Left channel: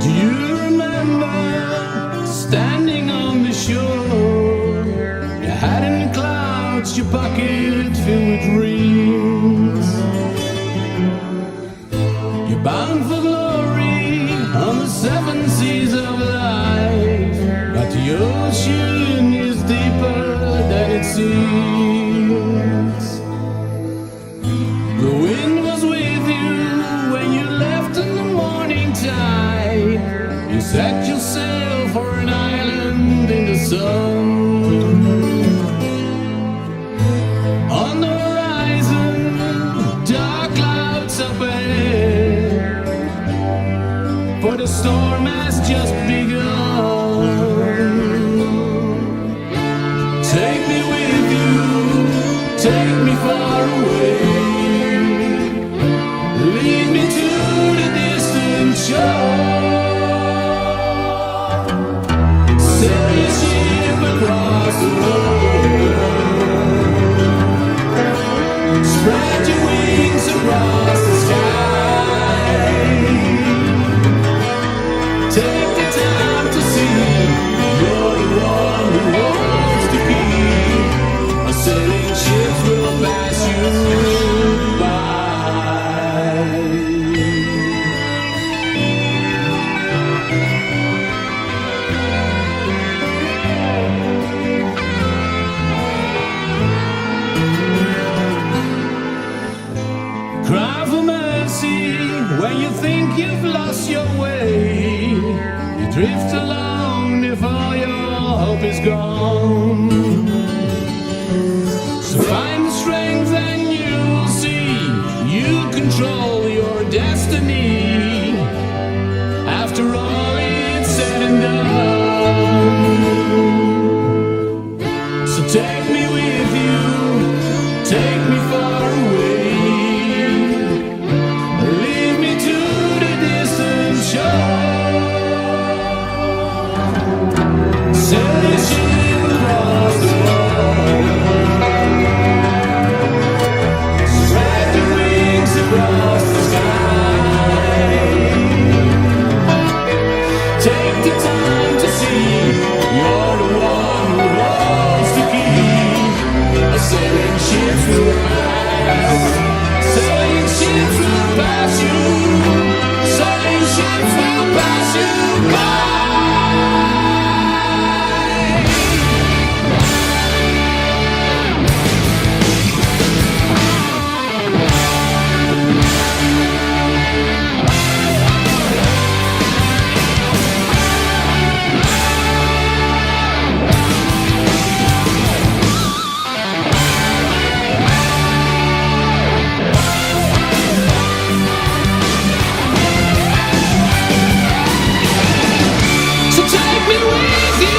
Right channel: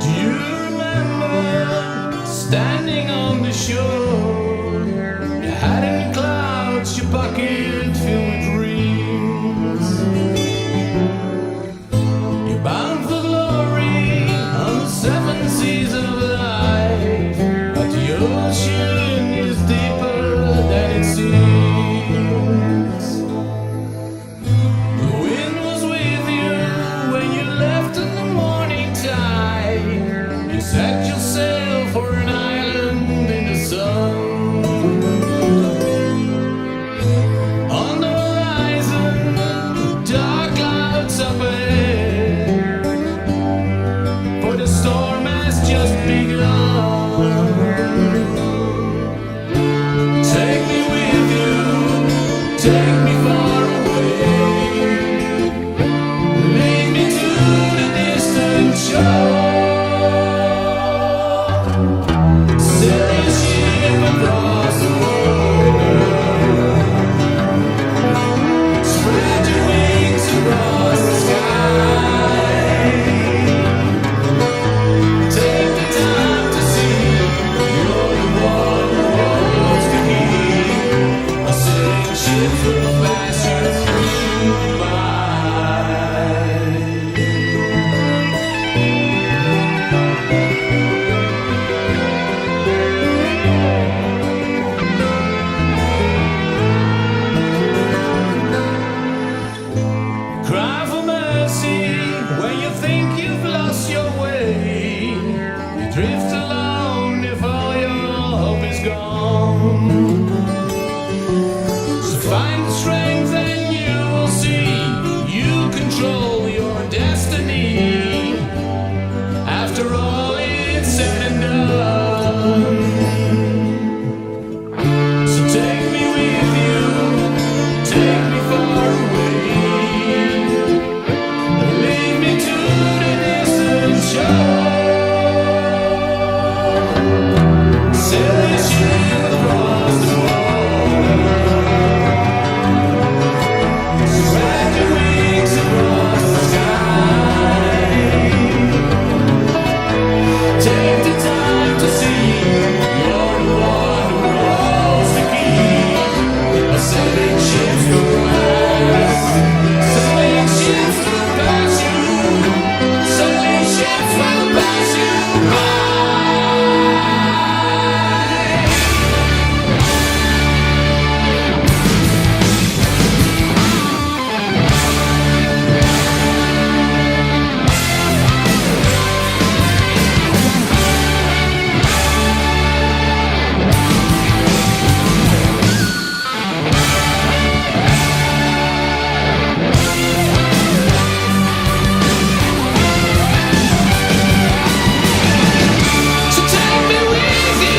Do you remember standing on the shore? Your hat in the clouds, your pocket filled with dreams. You're bound for glory on the seven seas of life, but the ocean is deeper than it seems. The wind was with you when you left in the morning tide. You set yourself for an island in the sun. On the horizon, dark clouds up ahead, for the storm has just begun. Take me with you, take me far away, lead me to the distant shore. Sail your ship across the water, spread your wings across the sky. Take the time to see you're the one who holds the key. A sailing ship will pass you by. Cry for mercy when you think you've lost your way. You drift alone if all your hope is gone. So find the strength and you will see you control your destiny. After all it's said and done. So take me with you, take me far away, lead me to the distant shore. Sail your ship across the water, spread your wings across the sky. Take the time to see you're the one who holds the key. A sailing ship will pass, sailing ships will pass you, sailing ships will pass you by. So take me with you,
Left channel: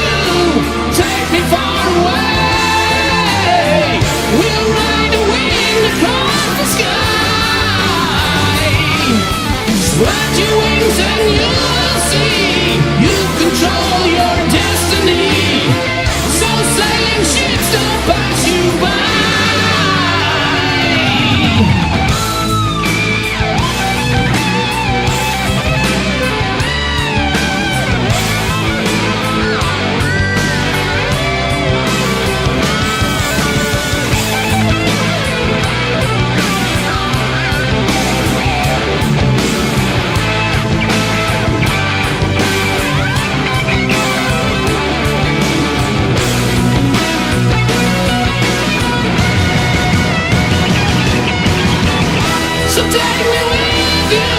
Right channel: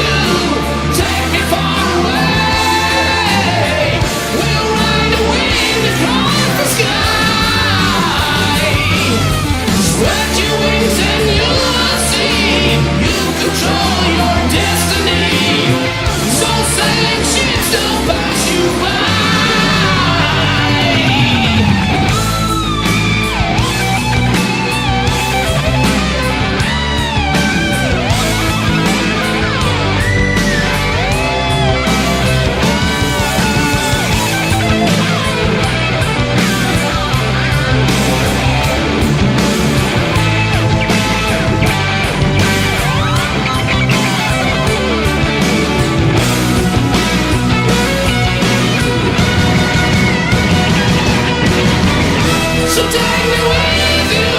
take me far away. We'll ride the wind across the sky. Spread your wings and you'll see you control your destiny. So sailing ships don't pass you by. So take me with you,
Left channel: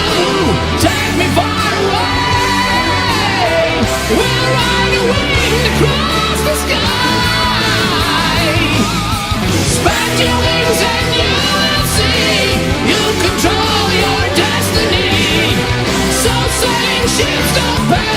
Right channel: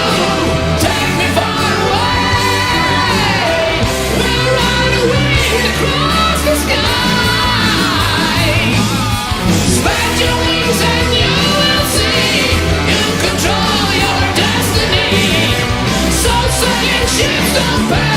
take me far away. We'll ride the wind across the sky. Spread your wings and you will see you control your destiny. So sailing ships don't pass